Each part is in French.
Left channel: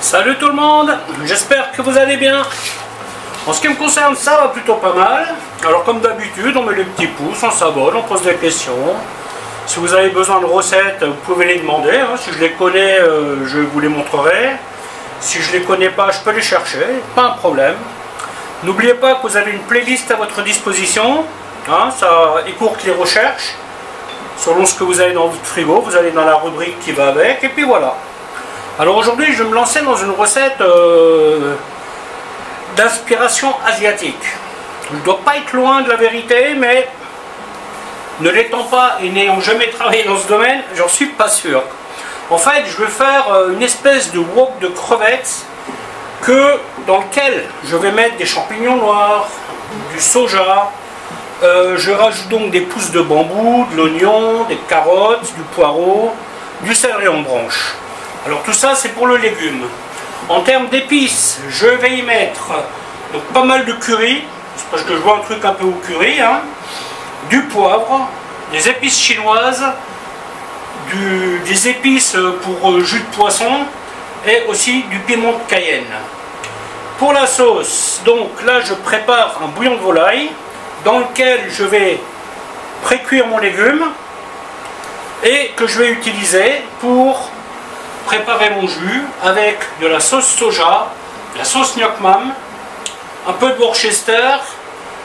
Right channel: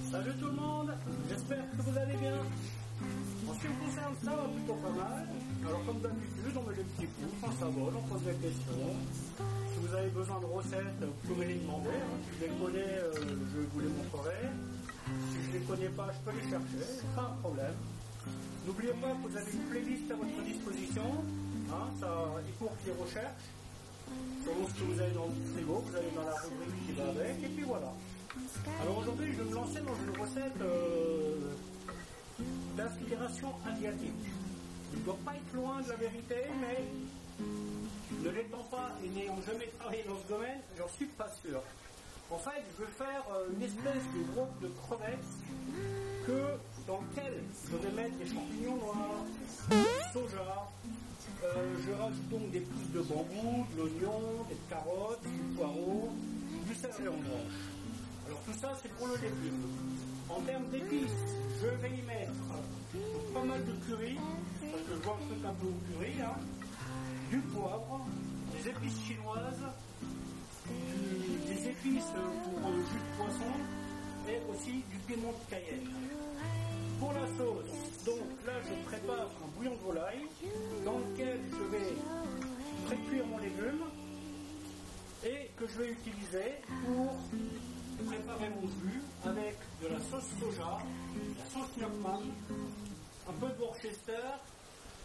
Salut tout le monde, j'espère que vous allez bien. En ce qui me concerne, ça va plutôt pas mal. Alors comme d'habitude, on met les petits pouces, on s'abonne, on pose des questions. Si vous avez besoin de recettes, vous pouvez les demander. Hein. Si je les connais, je vous les montrerai. Si je les connais pas, je peux les chercher, pas un problème. N'oubliez pas que vous avez une playlist à votre disposition. Hein, ça écourte les recherches. Selon ce que vous avez dans votre frigo, vous allez dans la rubrique qui va avec, et puis voilà. Alors aujourd'hui, je vais me lancer dans une recette d'inspiration asiatique. Je ne dois pas être loin de la vérité, mais ne l'étant pas et n'ayant jamais travaillé dans ce domaine, j'en suis pas sûr. En fait, je vais faire une espèce de wok de crevettes dans lequel je vais mettre des champignons noirs, du soja, je rajoute donc des pousses de bambou, de l'oignon, des carottes, du poireau, du céleri en branche. Alors tout ça c'est pour le légume. En termes d'épices, je vais y mettre donc pas mal de curry, parce que je vois un truc un peu au curry, hein, du poivre, des épices chinoises, des épices pour jus de poisson et aussi du piment de Cayenne. Pour la sauce, donc là je prépare un bouillon de volaille dans lequel je vais pré-cuire mon légume et que je vais utiliser pour préparer mon jus avec de la sauce soja, de la sauce gnoc mam, un peu de Worcester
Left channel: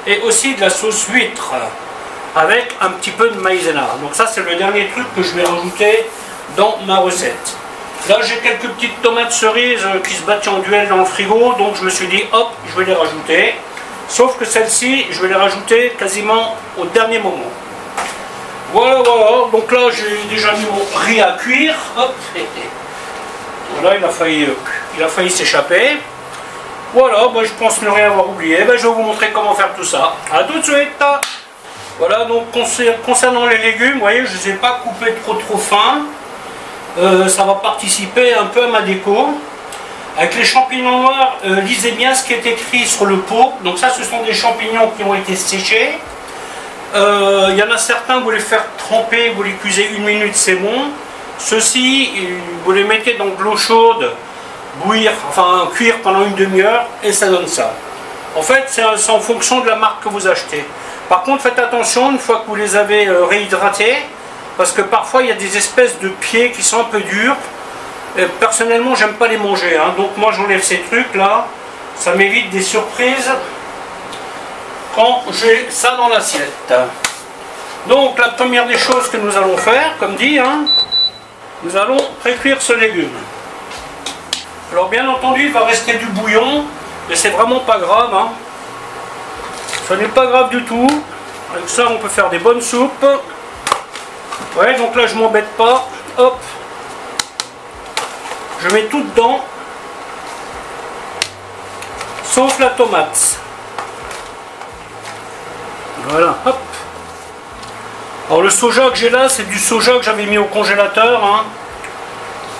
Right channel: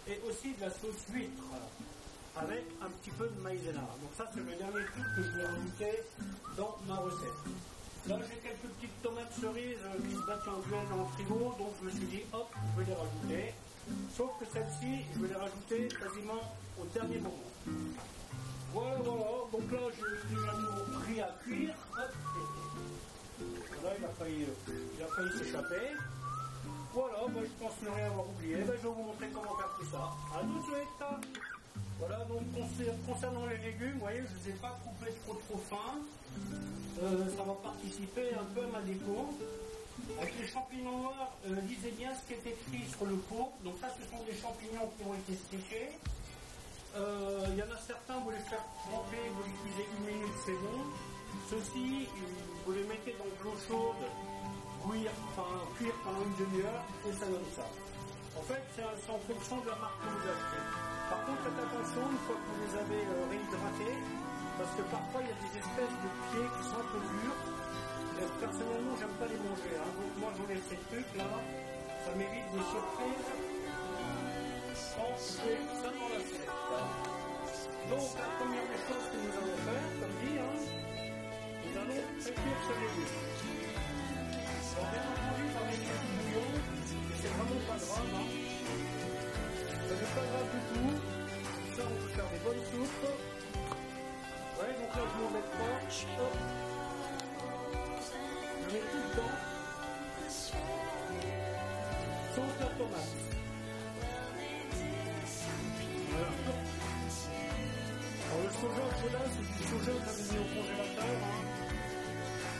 et aussi de la sauce huître avec un petit peu de maïzena. Donc ça c'est le dernier truc que je vais rajouter dans ma recette. Là j'ai quelques petites tomates cerises qui se battent en duel dans le frigo, donc je me suis dit hop, je vais les rajouter. Sauf que celles-ci, je vais les rajouter quasiment au dernier moment. Voilà, voilà. Donc là, j'ai déjà mis mon riz à cuire. Hop. Voilà, il a failli s'échapper. Voilà, bah, je pense ne rien avoir oublié. Bah, je vais vous montrer comment faire tout ça. A tout de suite. Voilà, donc concernant les légumes, vous voyez, je ne les ai pas coupés trop fins. Ça va participer un peu à ma déco. Avec les champignons noirs, lisez bien ce qui est écrit sur le pot. Donc ça, ce sont des champignons qui ont été séchés. Il y en a certains, vous les faire tremper, vous les cuisez 1 minute, c'est bon. Ceux-ci, vous les mettez dans de l'eau chaude, cuire pendant 1 demi-heure, et ça donne ça. En fait, c'est en fonction de la marque que vous achetez. Par contre, faites attention, une fois que vous les avez réhydratés, parce que parfois, il y a des espèces de pieds qui sont un peu durs. Personnellement, j'aime pas les manger, hein. Donc moi j'enlève ces trucs là, ça m'évite des surprises quand j'ai ça dans l'assiette. Donc la première des choses que nous allons faire, comme dit, hein, nous allons pré-cuire ce légume. Alors bien entendu, il va rester du bouillon, mais c'est vraiment pas grave, hein. Ça n'est pas grave du tout. Avec ça, on peut faire des bonnes soupes. Ouais, donc là je m'embête pas. Hop. Je mets tout dedans, sauf la tomate. Voilà, hop. Alors le soja que j'ai là, c'est du soja que j'avais mis au congélateur, hein,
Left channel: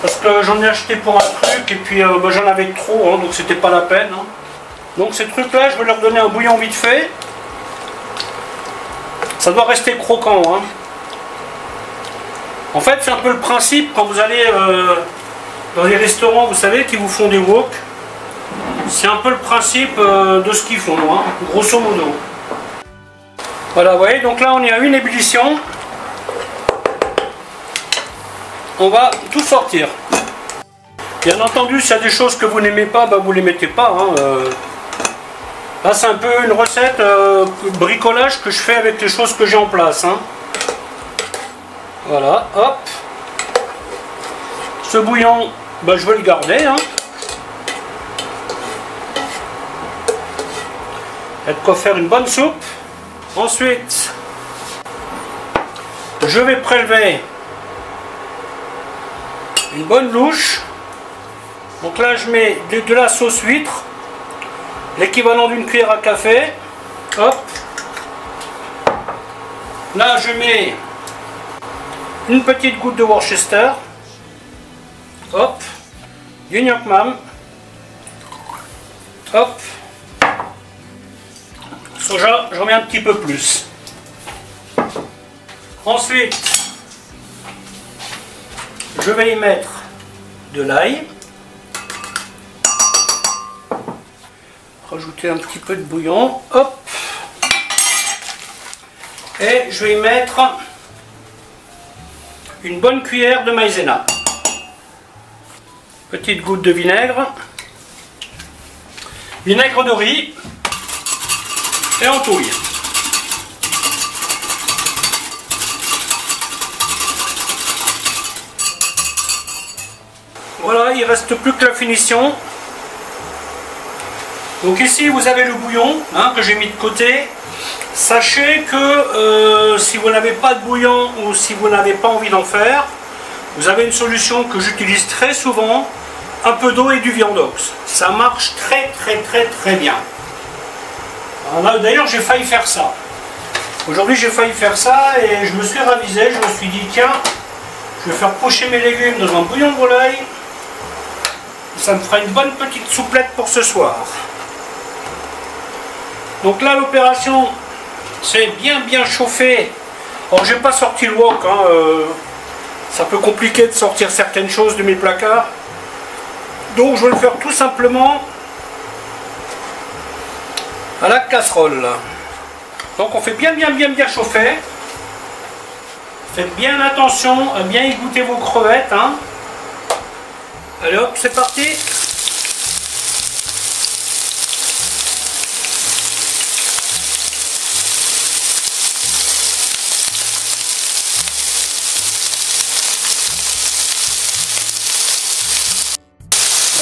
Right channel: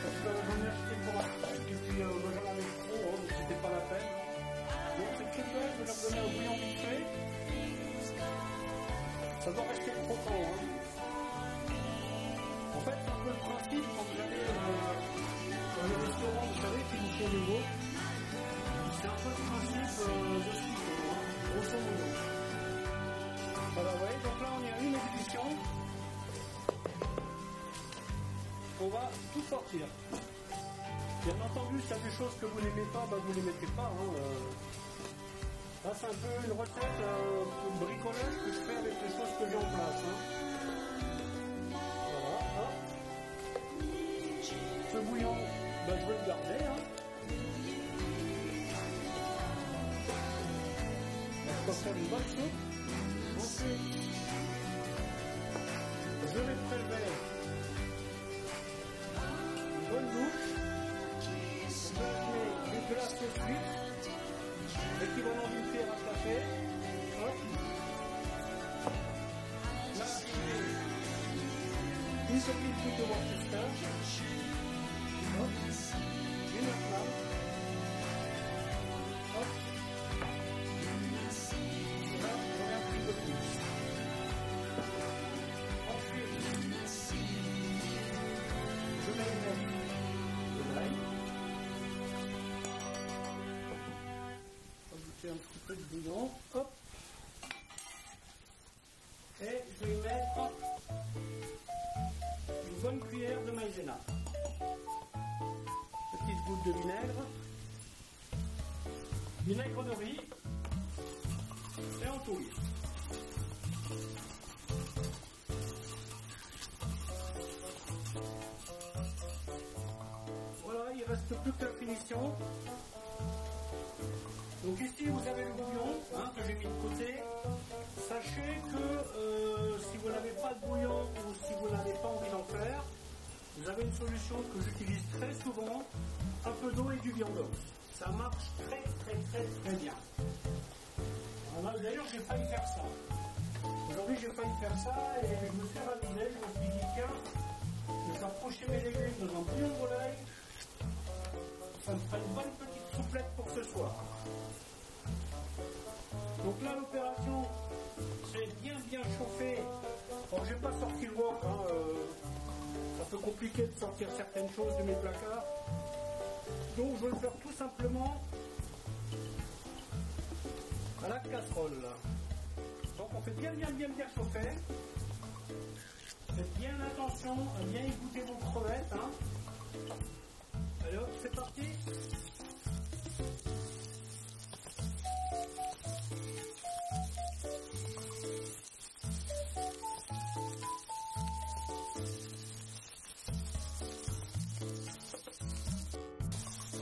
parce que j'en ai acheté pour un truc, et puis bah, j'en avais trop, hein, donc c'était pas la peine. Hein. Donc ces trucs-là, je vais leur donner un bouillon vite fait. Ça doit rester croquant. Hein. En fait, c'est un peu le principe quand vous allez... dans les restaurants, vous savez, qui vous font des wok, c'est un peu le principe de ce qu'ils font, hein, grosso modo. Voilà, vous voyez, donc là on est à une ébullition. On va tout sortir. Bien entendu, s'il y a des choses que vous n'aimez pas, bah, vous ne les mettez pas. Hein, Là, c'est un peu une recette bricolage que je fais avec les choses que j'ai en place. Hein. Voilà, hop. Ce bouillon, ben, je vais le garder. Hein. Il y a de quoi faire une bonne soupe. Ensuite, je vais prélever une bonne louche. Donc là, je mets de la sauce huître, l'équivalent d'une cuillère à café. Hop. Là, je mets une petite goutte de Worcester. Hop, du gnoc mam. Hop. Soja, j'en mets un petit peu plus. Ensuite, je vais y mettre de l'ail. rajouter un petit peu de bouillon. Hop. Et je vais y mettre une bonne cuillère de maïzena. Petite goutte de vinaigre. Vinaigre de riz. Et on touille. Voilà, il ne reste plus que la finition. Donc ici vous avez le bouillon que j'ai mis de côté. Sachez que si vous n'avez pas de bouillon ou si vous n'avez pas envie d'en faire, vous avez une solution que j'utilise très souvent, un peu d'eau et du viandox. Ça marche très bien. D'ailleurs j'ai failli faire ça. Aujourd'hui j'ai failli faire ça et je me suis ravisé, je me suis dit tiens, je vais faire pocher mes légumes dans un bouillon de volaille. Ça me fera une bonne petite souplette pour ce soir. Donc là l'opération c'est bien chauffé. Alors j'ai pas sorti le wok, ça peut compliquer de sortir certaines choses de mes placards. Donc je vais le faire tout simplement à la casserole. Donc on fait bien chauffer. Faites bien attention à bien égoutter vos crevettes. Allez hop, c'est parti.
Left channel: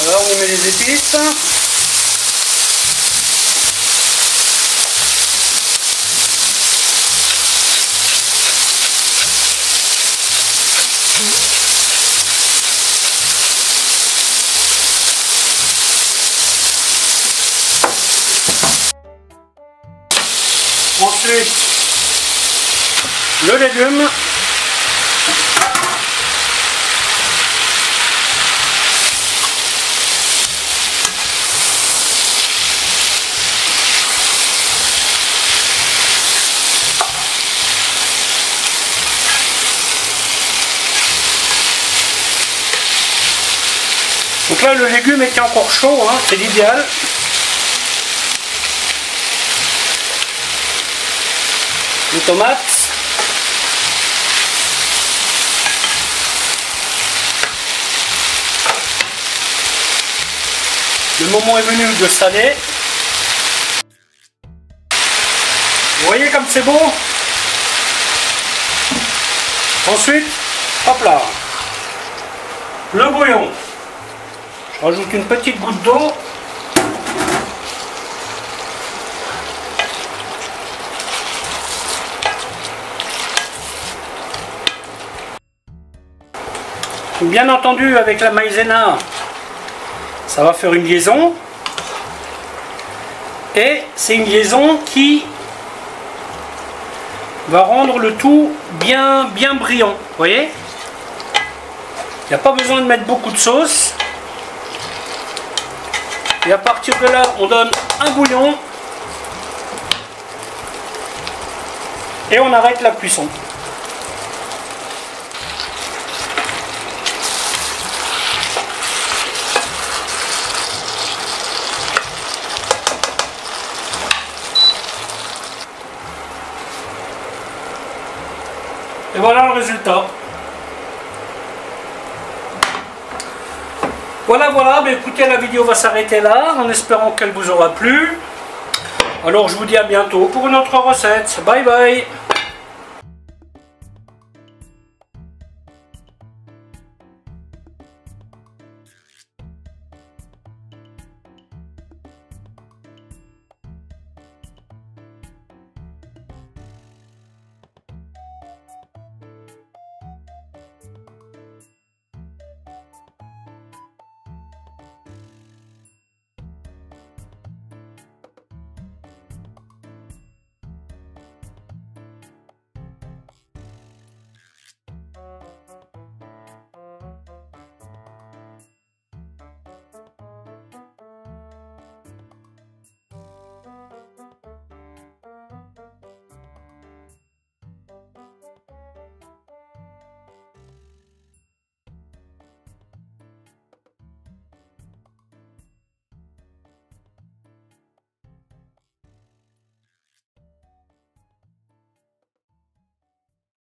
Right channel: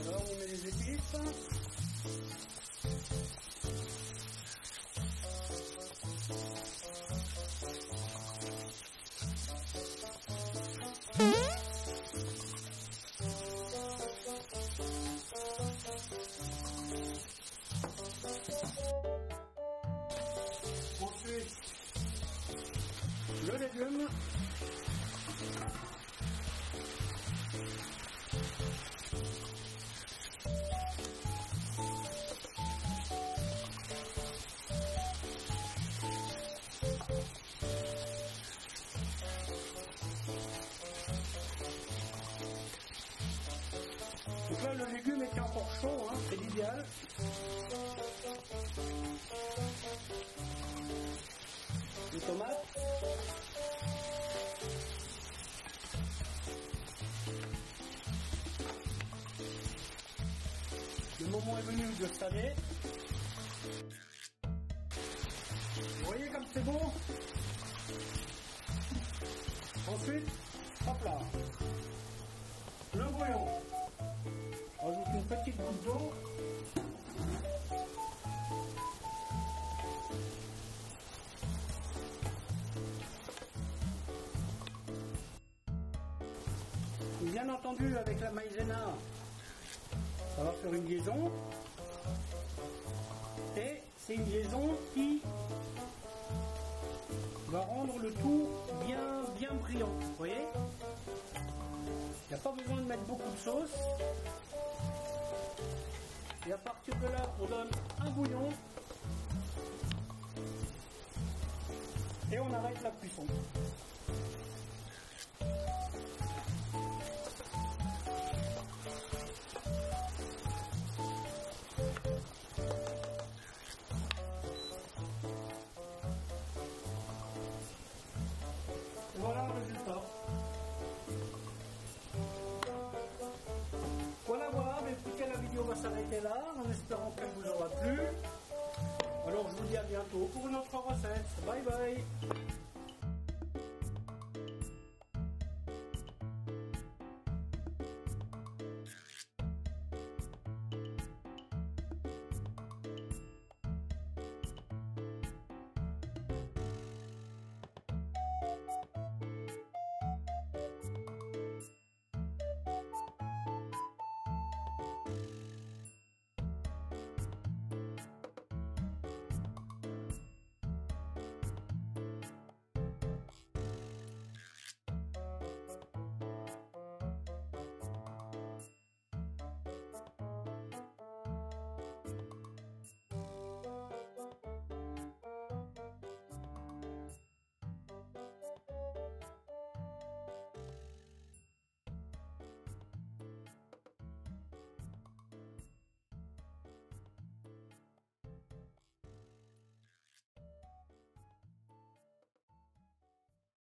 Alors on y met les épices. Ensuite, le légume. Donc là, le légume était encore chaud, c'est l'idéal. Les tomates. Le moment est venu de saler. Vous voyez comme c'est beau? Ensuite, hop là, le bouillon. Je rajoute une petite goutte d'eau. Bien entendu, avec la maïzena, ça va faire une liaison. Et c'est une liaison qui va rendre le tout bien brillant. Vous voyez? Il n'y a pas besoin de mettre beaucoup de sauce. Et à partir de là, on donne un bouillon. Et on arrête la cuisson. Et voilà le résultat. Voilà, mais écoutez, la vidéo va s'arrêter là, en espérant qu'elle vous aura plu. Alors je vous dis à bientôt pour une autre recette. Bye bye.